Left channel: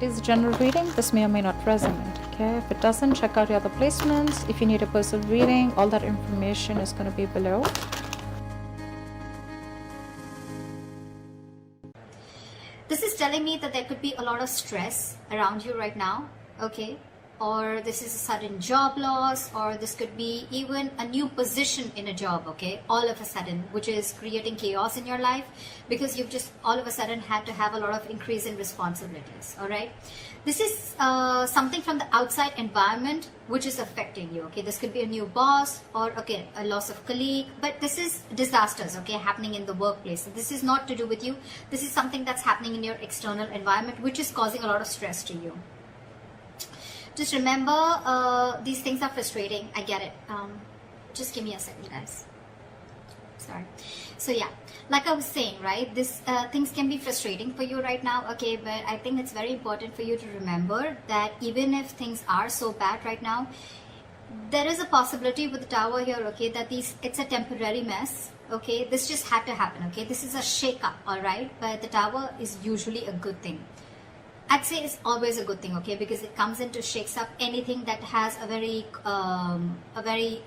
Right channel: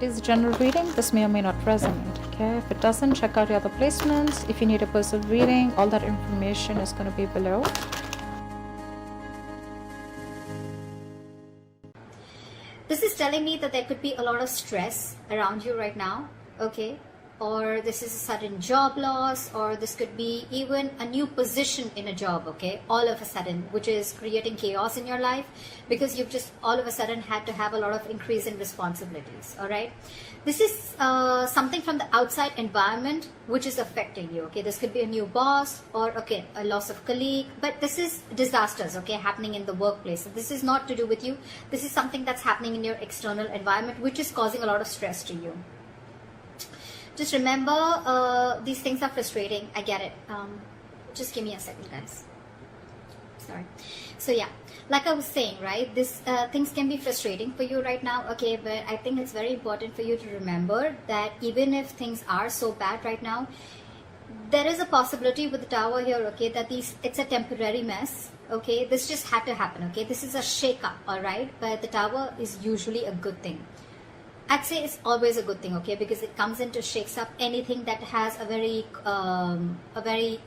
It is a general reading. This may or may not resonate. Okay, if it doesn't, check out your other placements. If you need a personal reading, all that information is going to be below. This is telling me that there could be a lot of stress around you right now, okay? Or this is a sudden job loss, or this could be even a new position in a job, okay? All of a sudden, which is creating chaos in your life because you've just all of a sudden had to have a lot of increase in responsibilities, all right? This is something from the outside environment which is affecting you, okay? This could be a new boss or, okay, a loss of colleague, but this is disasters, okay, happening in the workplace. So this is not to do with you. This is something that's happening in your external environment which is causing a lot of stress to you. Just remember, these things are frustrating. I get it. Just give me a second, guys. Sorry. So yeah, like I was saying, right, this things can be frustrating for you right now, okay, but I think it's very important for you to remember that even if things are so bad right now, there is a possibility with the tower here, okay, that it's a temporary mess, okay. This just had to happen, okay. This is a shake-up, all right, but the tower is usually a good thing. I'd say it's always a good thing, okay, because it comes in to shakes up anything that has a very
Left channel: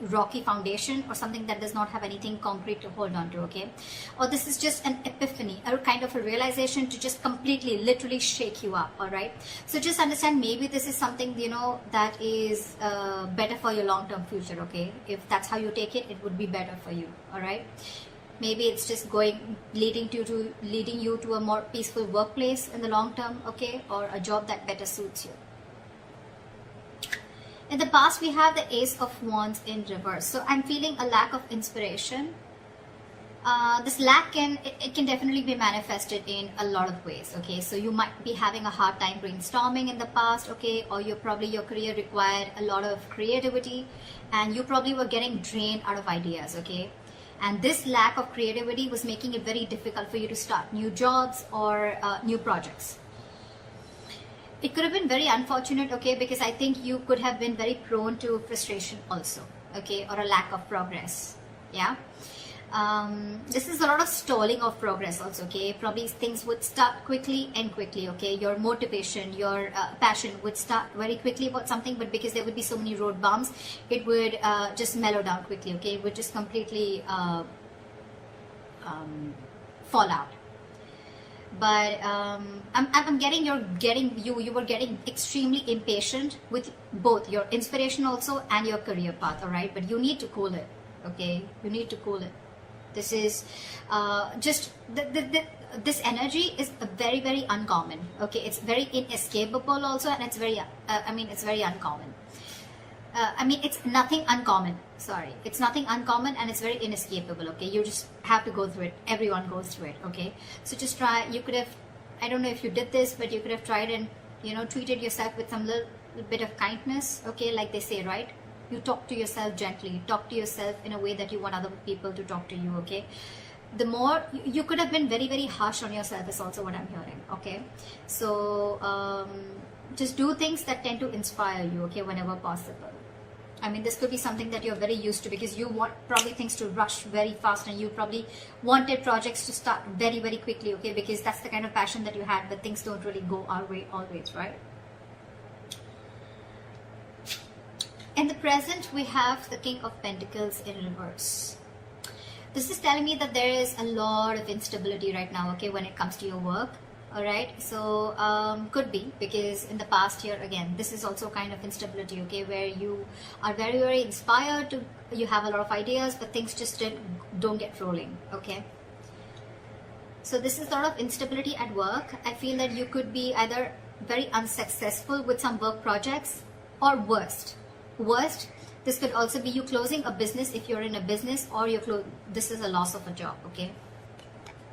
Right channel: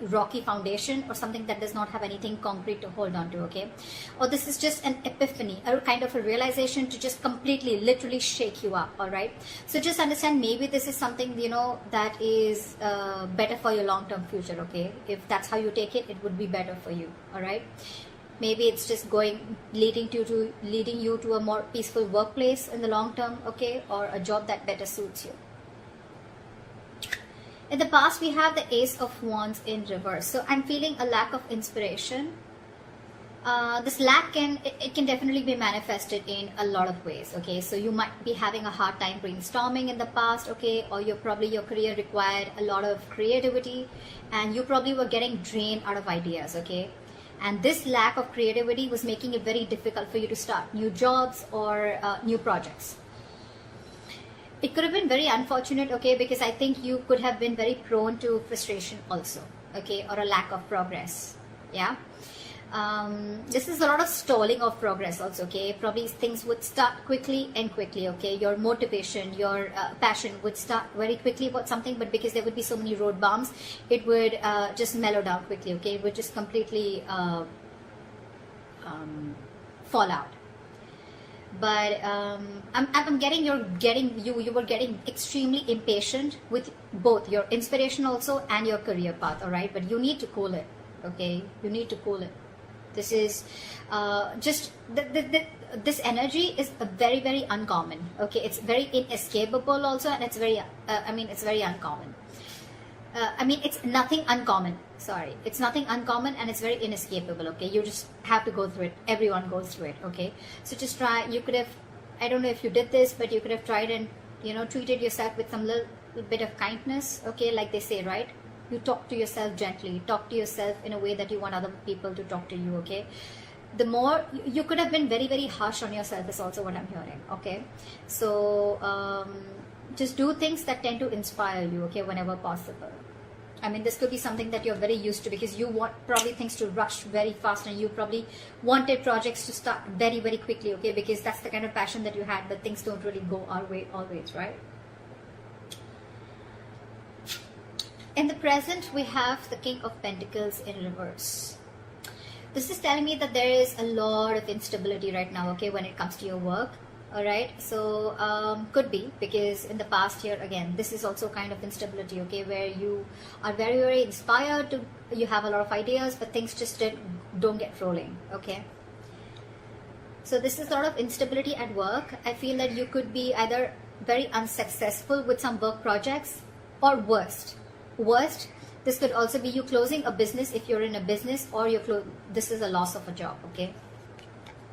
rocky foundation or something that does not have anything concrete to hold on to, okay. Or this is just an epiphany, or kind of a realization to just completely, literally shake you up, all right. So just understand, maybe this is something, you know, that is better for your long-term future, okay. If that's how you take it, it would be better for you, all right. Maybe it's just leading you to a more peaceful workplace in the long term, okay, or a job that better suits you. In the past, we have the Ace of Wands in reverse. So I'm feeling a lack of inspiration. This lack can definitely be manifested in a lot of ways, okay. So you might be having a hard time brainstorming in the past, okay, or your career required a lot of creativity, and you probably were getting drained out of ideas, okay. And this lack of creativity was making it very difficult for you to start new jobs or new projects. It could have been very unfortunate, okay, because I think you could have been very prone to frustration also, okay, or a lack of progress, yeah. This is a lot of stalling of progress also, okay. Probably things would start quickly and quickly, okay. Your motivation, your passion would start very quickly about something, but because there would be so many road bumps, it would just mellow down quickly, okay. It would just completely fall out. But I'm getting you were getting extremely impatient with both your inspiration also and your career path, all right. But you need to cool it, okay. You need to cool it. This is just this energy is very, very uncommon, okay. It's very inescapable also, and it's very it's very uncommon. It's nothing uncommon, sorry, it's nothing uncommon, and it's very inescapable, okay. You just have to go through it. Everyone goes through it, okay. So just try. You could have, I don't know if you did this, but you could have tried and, you know, treated yourself with some little bit of kindness, okay, like they say, right. You talk to yourself gently, talk to yourself in a way that you want other people to talk to you, okay. The more you could have been very, very harsh on yourself is also what I'm hearing, okay. So just do things that tend to inspire you, okay, whenever possible. This could be something that you're very used to, because you want probably things to rush very fast, and you probably wanted projects to start very, very quickly, okay, because that's the kind of passion that you had, but things don't really go our way always, right. In the present, we have the King of Pentacles in reverse. This is telling me that there is a lot of instability right now, okay, when it comes to your work, all right. So could be because in the past year, again, this is also kind of instability, okay, where you are very, very inspired to, you have a lot of ideas, but things just don't get rolling, okay. So this is a lot of instability at work. I feel that you could be either very unsuccessful with some work projects, or worst, this could also be you closing a business if you're in a business, or this is a loss of a job, okay,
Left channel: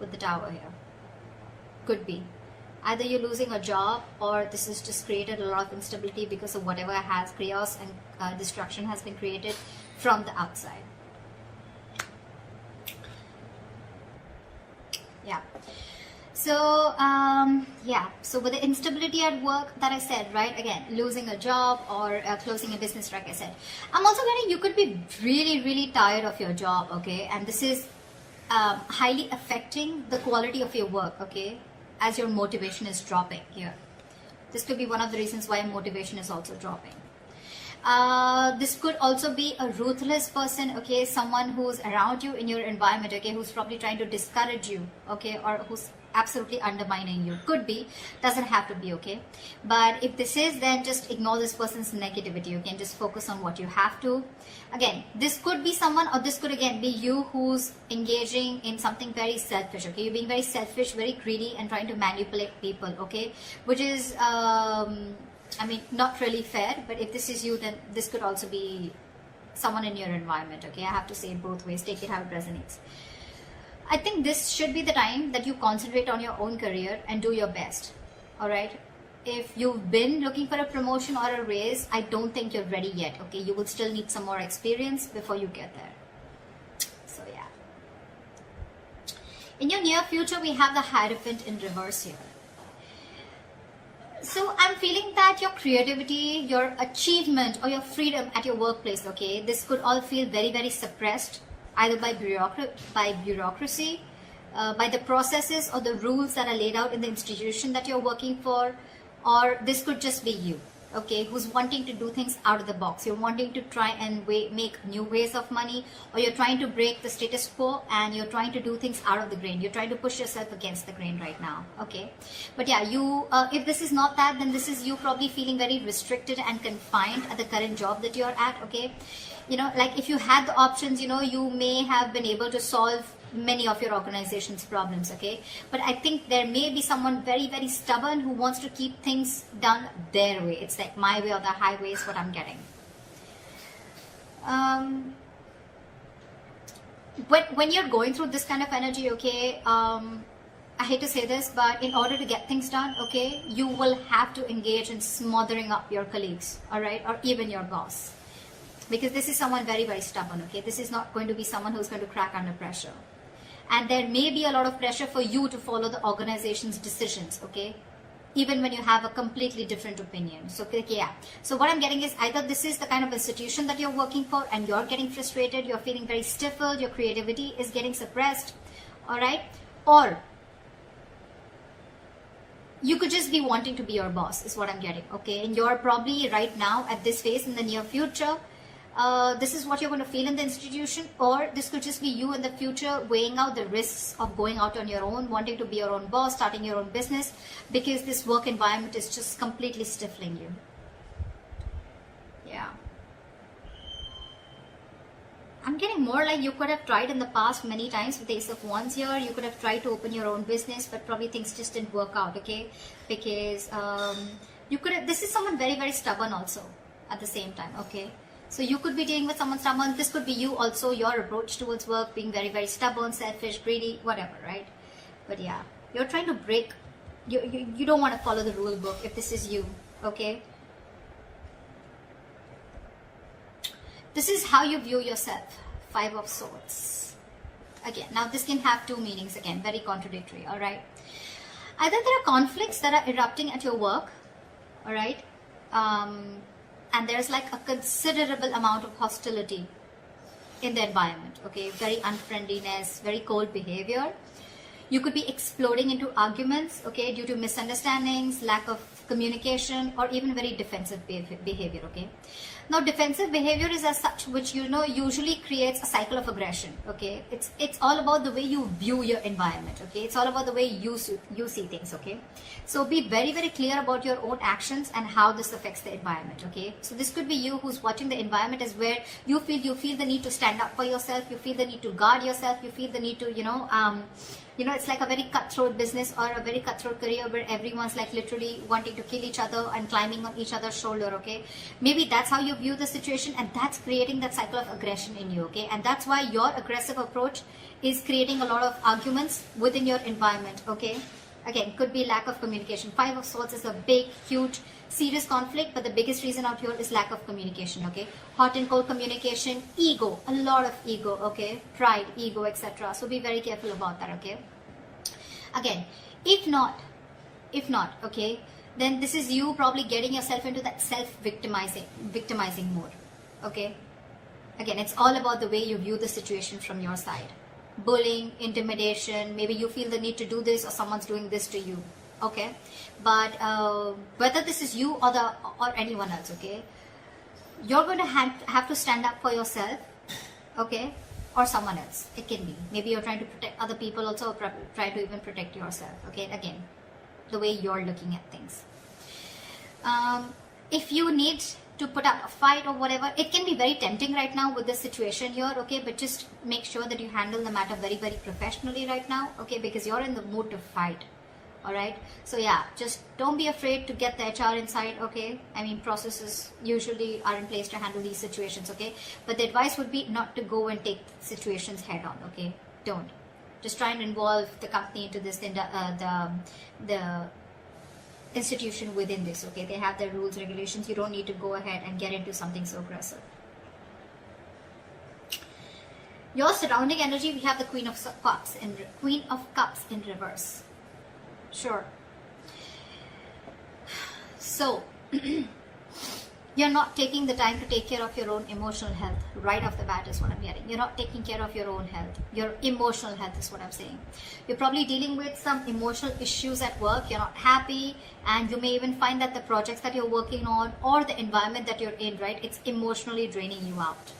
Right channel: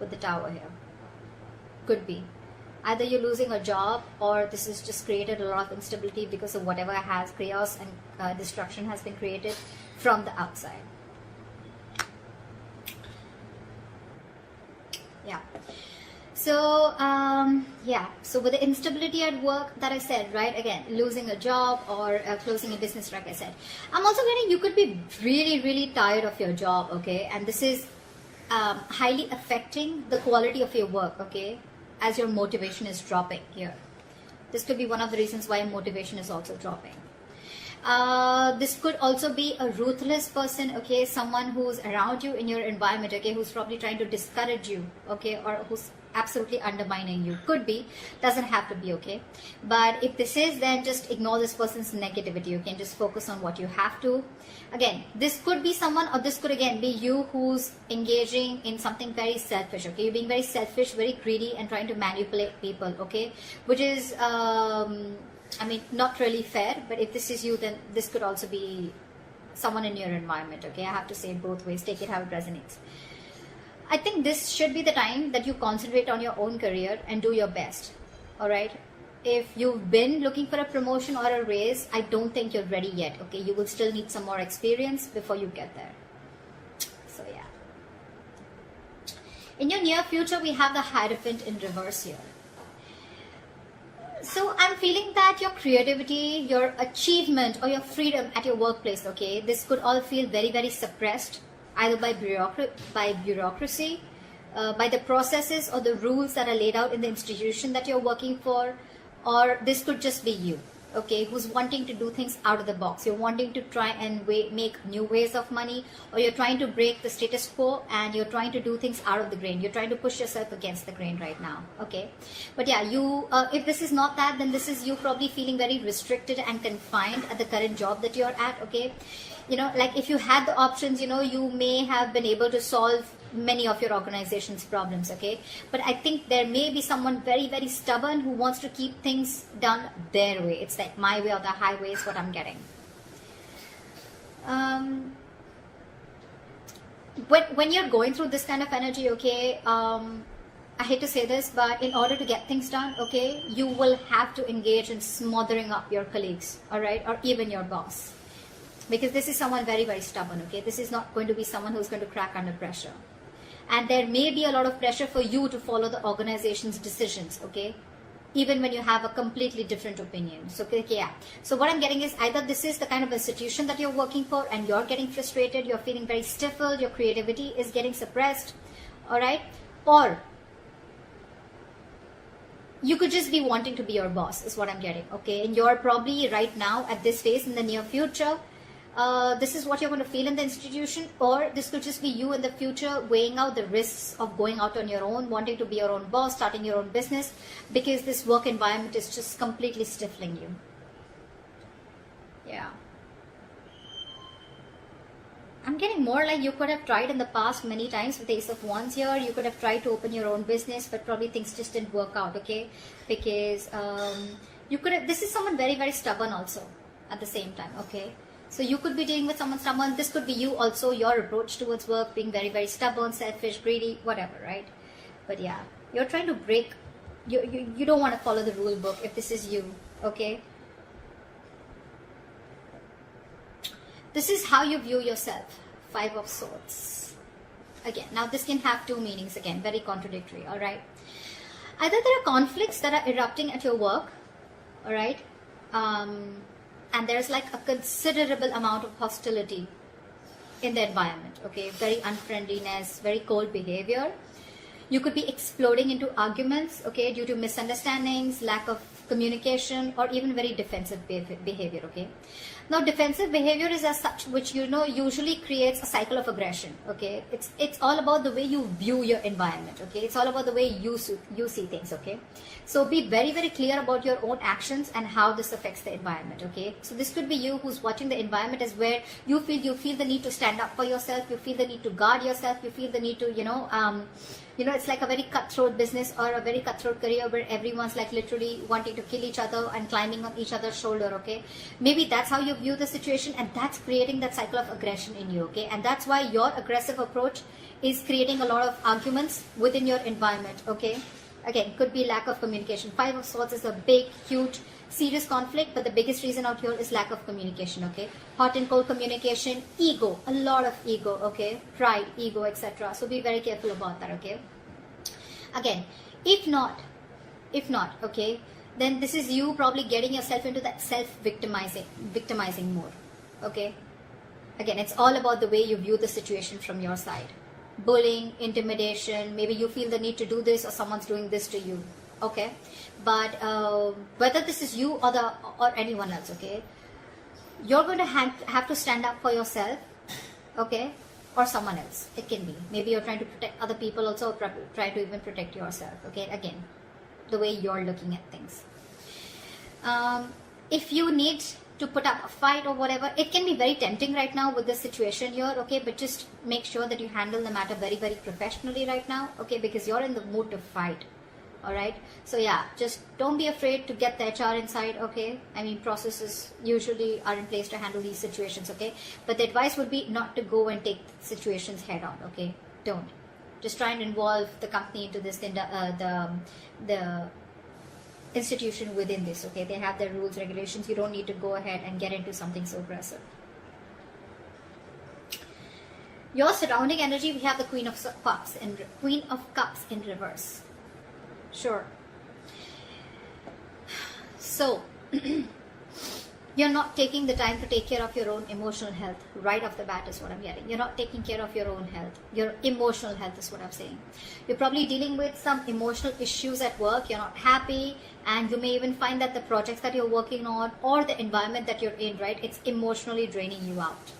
with the Tower here. Could be either you're losing a job, or this has just created a lot of instability because of whatever has chaos and destruction has been created from the outside. Yeah. So so with the instability at work that I said, right, again, losing a job or closing a business, like I said, I'm also getting you could be really, really tired of your job, okay, and this is highly affecting the quality of your work, okay, as your motivation is dropping here. This could be one of the reasons why motivation is also dropping. This could also be a ruthless person, okay, someone who's around you in your environment, okay, who's probably trying to discourage you, okay, or who's absolutely undermining you. Could be, doesn't have to be, okay. But if this is, then just ignore this person's negativity. You can just focus on what you have to. Again, this could be someone, or this could again be you who's engaging in something very selfish, okay. You're being very selfish, very greedy, and trying to manipulate people, okay, which is I mean, not really fair. But if this is you, then this could also be someone in your environment, okay. I have to say it both ways. Take it how it resonates. I think this should be the time that you concentrate on your own career and do your best. All right. If you've been looking for a promotion or a raise, I don't think you're ready yet. Okay. You will still need some more experience before you get there. So yeah. In your near future, we have the Hierophant in reverse here. So I'm feeling that your creativity, your achievement, or your freedom at your workplace, okay, this could all feel very, very suppressed, either by bureaucracy, by the processes or the rules that are laid out in the institution that you're working for, or this could just be you, okay, who's wanting to do things out of the box. You're wanting to try and make new ways of money, or you're trying to break the status quo and you're trying to do things out of the grain. You're trying to push yourself against the grain right now, okay. But yeah, you if this is not that, then this is you probably feeling very restricted and confined at the current job that you're at, okay. You know, like if you had the options, you know, you may have been able to solve many of your organization's problems, okay. But I think there may be someone very, very stubborn who wants to keep things done their way. It's like my way or the highway is what I'm getting. When you're going through this kind of energy, okay, I hate to say this, but in order to get things done, okay, you will have to engage in smothering up your colleagues, all right, or even your boss. Because this is someone very, very stubborn, okay. This is not going to be someone who's going to crack under pressure. And there may be a lot of pressure for you to follow the organization's decisions, okay, even when you have a completely different opinion. So, okay, yeah. So what I'm getting is either this is the kind of institution that you're working for and you're getting frustrated, you're feeling very stifled, your creativity is getting suppressed, all right, or you could just be wanting to be your boss is what I'm getting, okay. And you're probably right now at this phase in the near future, this is what you're going to feel in the institution, or this could just be you in the future weighing out the risks of going out on your own, wanting to be your own boss, starting your own business, because this work environment is just completely stifling you. Yeah. I'm getting more like you could have tried in the past many times with the Ace of Wands here. You could have tried to open your own business, but probably things just didn't work out, okay? Because you could have, this is someone very, very stubborn also at the same time, okay? So you could be dealing with someone stubborn. This could be you also, your approach towards work, being very, very stubborn, selfish, greedy, whatever, right? But yeah, you're trying to break, you don't want to follow the rule book if this is you, okay? This is how you view yourself. 5 of Swords. Again, now this can have 2 meanings again, very contradictory, all right? Either there are conflicts that are erupting at your work, all right? And there's like a considerable amount of hostility in the environment, okay? Very unfriendliness, very cold behavior. You could be exploding into arguments, okay, due to misunderstandings, lack of communication, or even very defensive behavior, okay? Now, defensive behavior is as such, which, you know, usually creates a cycle of aggression, okay? It's all about the way you view your environment, okay? It's all about the way you see things, okay? So be very, very clear about your own actions and how this affects the environment, okay? So this could be you who's watching the environment is where you feel the need to stand up for yourself, you feel the need to guard yourself, you feel the need to, you know, it's like a very cutthroat business or a very cutthroat career where everyone's like literally wanting to kill each other and climbing up each other's shoulder, okay? Maybe that's how you view the situation, and that's creating that cycle of aggression in you, okay? And that's why your aggressive approach is creating a lot of arguments within your environment, okay? Again, could be lack of communication. 5 of Swords is a big, huge, serious conflict, but the biggest reason out here is lack of communication, okay? Hot and cold communication, ego, a lot of ego, okay? Pride, ego, etc. So be very careful about that, okay? Again, if not, okay, then this is you probably getting yourself into that victimizing mode, okay? Again, it's all about the way you view the situation from your side. Bullying, intimidation, maybe you feel the need to do this or someone's doing this to you, okay? But whether this is you or anyone else, okay, you're going to have to stand up for yourself, okay, or someone else. It can be maybe you're trying to protect other people also, or try to even protect yourself, okay? Again, the way you're looking at things. If you need to put up a fight or whatever, it can be very tempting right now with this situation here, okay? But just make sure that you handle the matter very, very professionally right now, okay? Because you're in the mood to fight, all right? So yeah, just don't be afraid to get the HR inside, okay? I mean, processes usually are in place to handle these situations, okay? But the advice would be not to go and take situations head on, okay? Don't. Just try and involve the company to this, the institution within this, okay? They have their rules, regulations. You don't need to go ahead and get into something so aggressive. Your surrounding energy, we have the Queen of Cups in reverse. Sure. So you're not taking the time to take care of your own emotional health right off the bat is what I'm getting. You're not taking care of your own health. Your emotional health is what I'm saying. You're probably dealing with some emotional issues at work. You're not happy, and you may even find that the projects that you're working on or the environment that you're in, right, it's emotionally draining you out.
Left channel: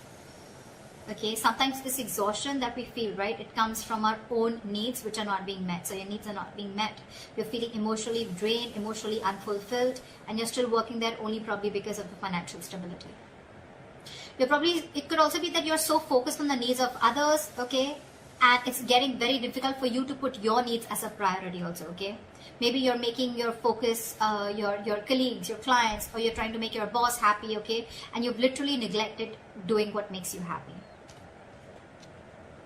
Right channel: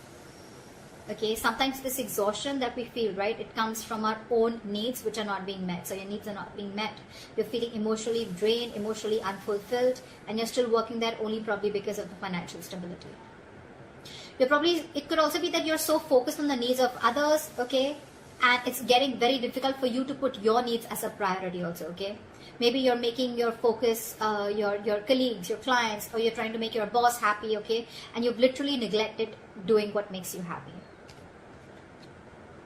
Okay, sometimes this exhaustion that we feel, right, it comes from our own needs which are not being met. So your needs are not being met. You're feeling emotionally drained, emotionally unfulfilled, and you're still working there only probably because of the financial stability. It could also be that you're so focused on the needs of others, okay, and it's getting very difficult for you to put your needs as a priority also, okay. Maybe you're making your focus your colleagues, your clients, or you're trying to make your boss happy, okay, and you've literally neglected doing what makes you happy.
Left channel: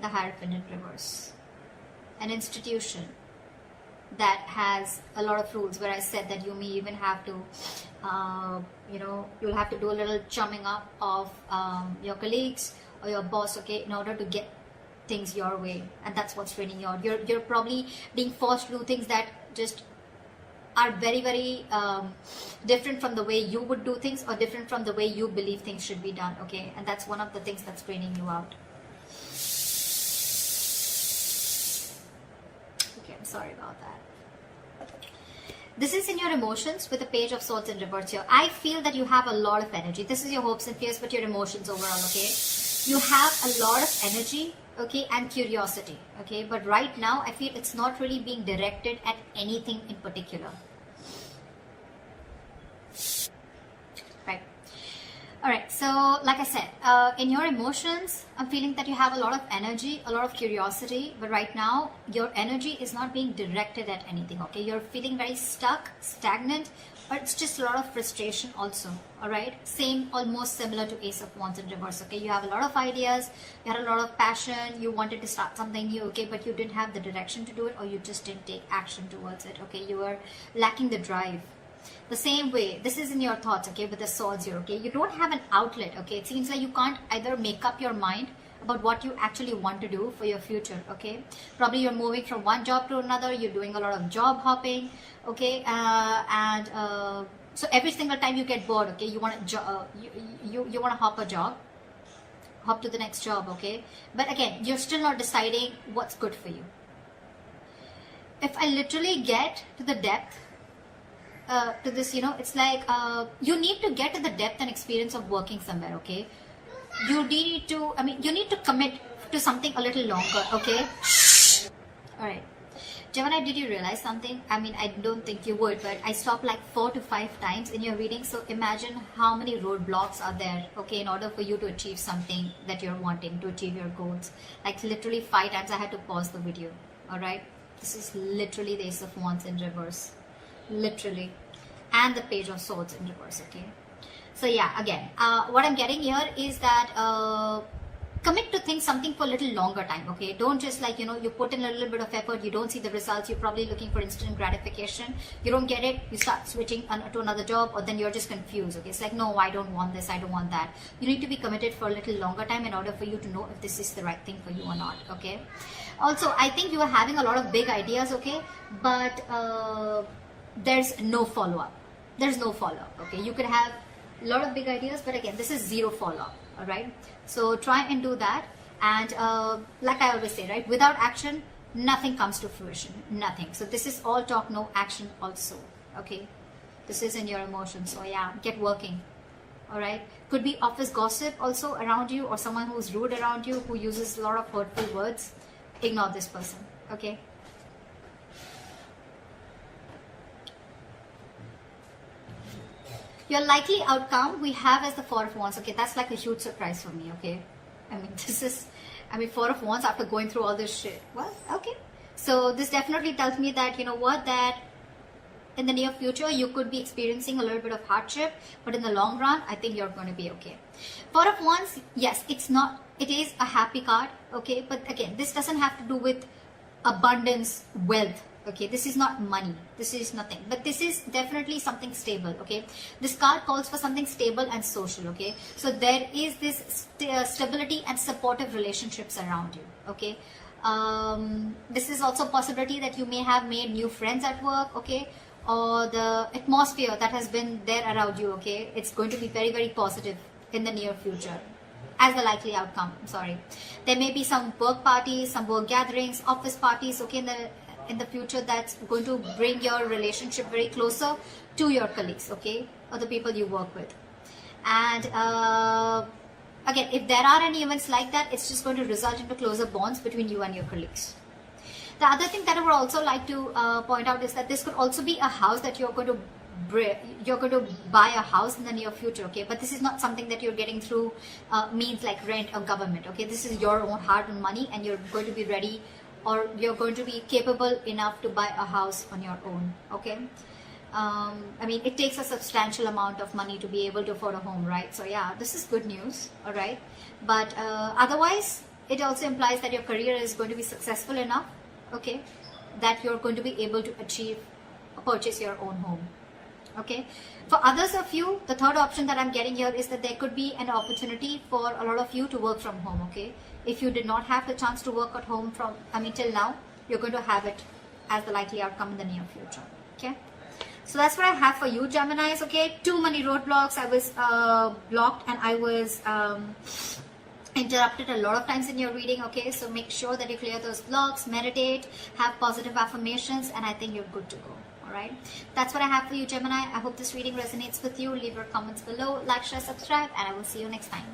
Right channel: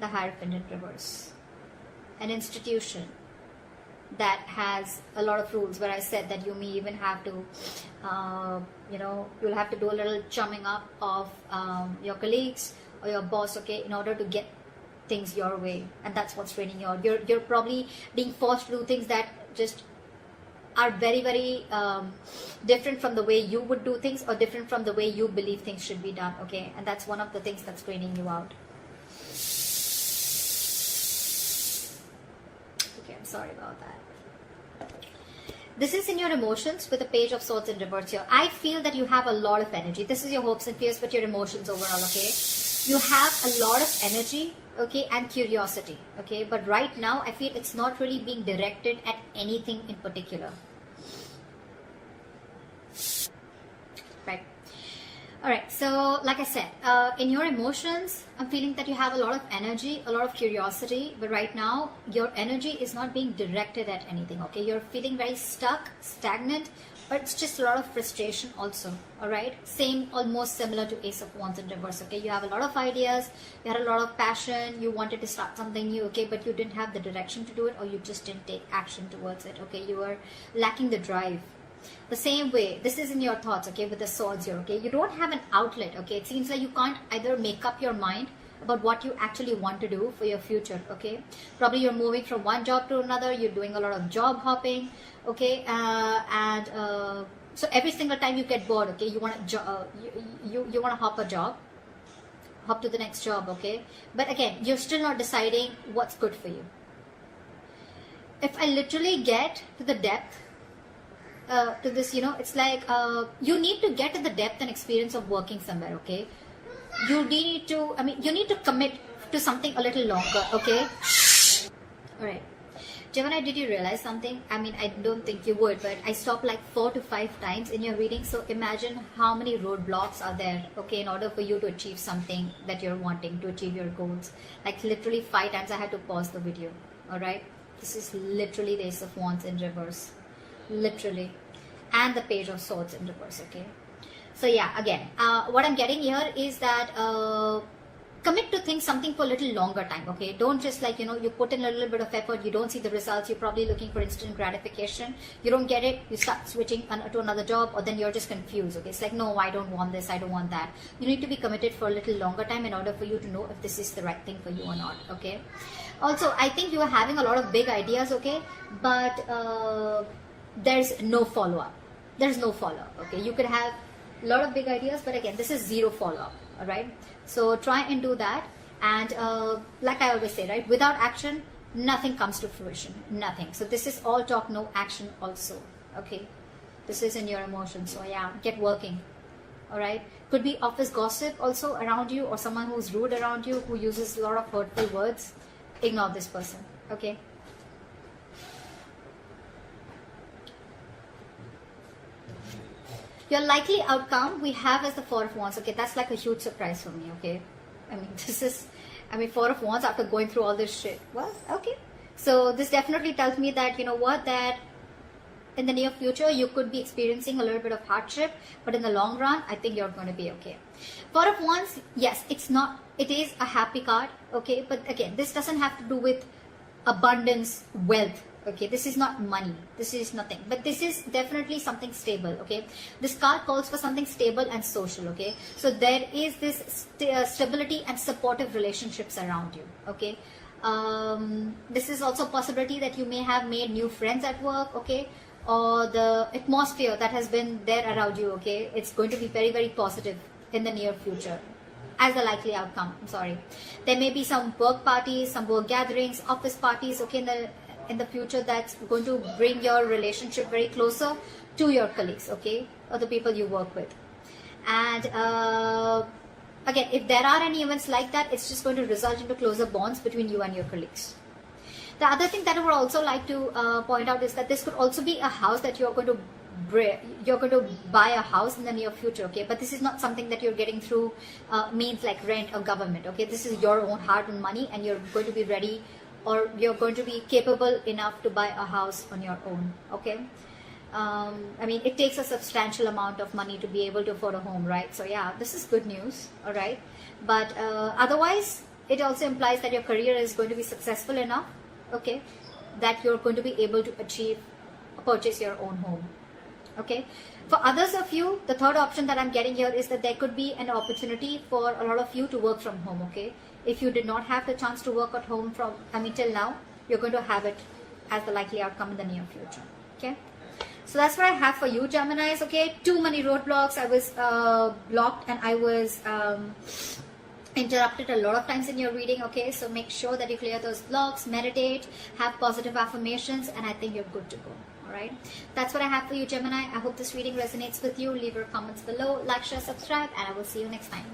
The Hierophant in reverse. An institution that has a lot of rules, where I said that you may even have to, you'll have to do a little chumming up of your colleagues or your boss, okay, in order to get things your way. And that's what's draining you out. You're probably being forced to do things that just are very, very different from the way you would do things, or different from the way you believe things should be done, okay? And that's one of the things that's draining you out. Sorry about that. This is in your emotions with the Page of Swords in reverse here. I feel that you have a lot of energy. This is your hopes and fears, but your emotions overall, okay? You have a lot of energy, okay, and curiosity, okay? But right now, I feel it's not really being directed at anything in particular. Right. Alright, so like I said, in your emotions, I'm feeling that you have a lot of energy, a lot of curiosity, but right now, your energy is not being directed at anything, okay? You're feeling very stuck, stagnant, but it's just a lot of frustration also, alright? Same, almost similar to Ace of Wands in reverse, okay? You have a lot of ideas, you had a lot of passion, you wanted to start something new, okay? But you didn't have the direction to do it, or you just didn't take action towards it, okay? You were lacking the drive. The same way, this is in your thoughts, okay, with the swords here, okay? You don't have an outlet, okay? It seems like you can't either make up your mind about what you actually want to do for your future, okay? Probably you're moving from one job to another, you're doing a lot of job hopping, okay? So every single time you get bored, okay, you want to you want to hop a job, hop to the next job, okay? But again, you're still not deciding what's good for you. If I literally get to the depth to this, it's like you need to get to the depth and experience of working somewhere, okay? You need to commit to something a little longer, okay? Alright. Gemini, did you realize something? I mean, I don't think you would, but I stopped like 4 to 5 times in your reading. So imagine how many roadblocks are there, okay, in order for you to achieve something that you're wanting, to achieve your goals. Like literally 5 times I had to pause the video, alright? This is literally the Ace of Wands in reverse. Literally. And the Page of Swords in reverse, okay? So yeah, again, what I'm getting here is that commit to things something for a little longer time, okay? Don't just like, you put in a little bit of effort, you don't see the results, you're probably looking for instant gratification, you don't get it, you start switching to another job, or then you're just confused, okay? It's like, no, I don't want this, I don't want that. You need to be committed for a little longer time in order for you to know if this is the right thing for you or not, okay? Also, I think you are having a lot of big ideas, okay? But there's no follow-up. There's no follow-up, okay? You can have a lot of big ideas, but again, this is zero follow-up, all right? So try and do that. And like I always say, right, without action, nothing comes to fruition, nothing. So this is all talk, no action also, okay? This is in your emotions, so yeah, get working, all right? Could be office gossip also around you, or someone who's rude around you, who uses a lot of hurtful words. Ignore this person, okay? Your likely outcome we have is the Four of Wands, okay? That's like a huge surprise for me, okay? I mean, Four of Wands after going through all this shit. Well, okay. So this definitely tells me that, you know what, that in the near future, you could be experiencing a little bit of hardship, but in the long run, I think you're going to be okay. Four of Wands, yes, it is a happy card, okay? But again, this doesn't have to do with abundance, wealth, okay? This is not money. This is nothing. But this is definitely something stable, okay? This card calls for something stable and social, okay? So there is this stability and supportive relationships around you, okay? This is also a possibility that you may have made new friends at work, okay? Or the atmosphere that has been there around you, okay? It's going to be very, very positive in the near future as the likely outcome. I'm sorry. There may be some work parties, some work gatherings, office parties, okay, in the future that's going to bring your relationship very closer to your colleagues, okay? Or the people you work with. And again, if there are any events like that, it's just going to result into closer bonds between you and your colleagues. The other thing that I would also like to point out is that this could also be a house that you're going to buy a house in the near future, okay? But this is not something that you're getting through means like rent or government, okay? This is your own hard-earned money, and you're going to be ready, or you're going to be capable enough to buy a house on your own, okay? I mean, it takes a substantial amount of money to be able to afford a home, right? So yeah, this is good news, all right? But otherwise, it also implies that your career is going to be successful enough, okay, that you're going to be able to purchase your own home, okay? For others of you, the third option that I'm getting here is that there could be an opportunity for a lot of you to work from home, okay? If you did not have the chance to work at home till now, you're going to have it as the likely outcome in the near future, okay? So that's what I have for you, Geminis, okay? Too many roadblocks. I was blocked, and I was interrupted a lot of times in your reading, okay? So make sure that you clear those blocks, meditate, have positive affirmations, and I think you're good to go, all right? That's what I have for you, Gemini. I hope this reading resonates with you. Leave your comments below, like, share, subscribe, and I will see you next time.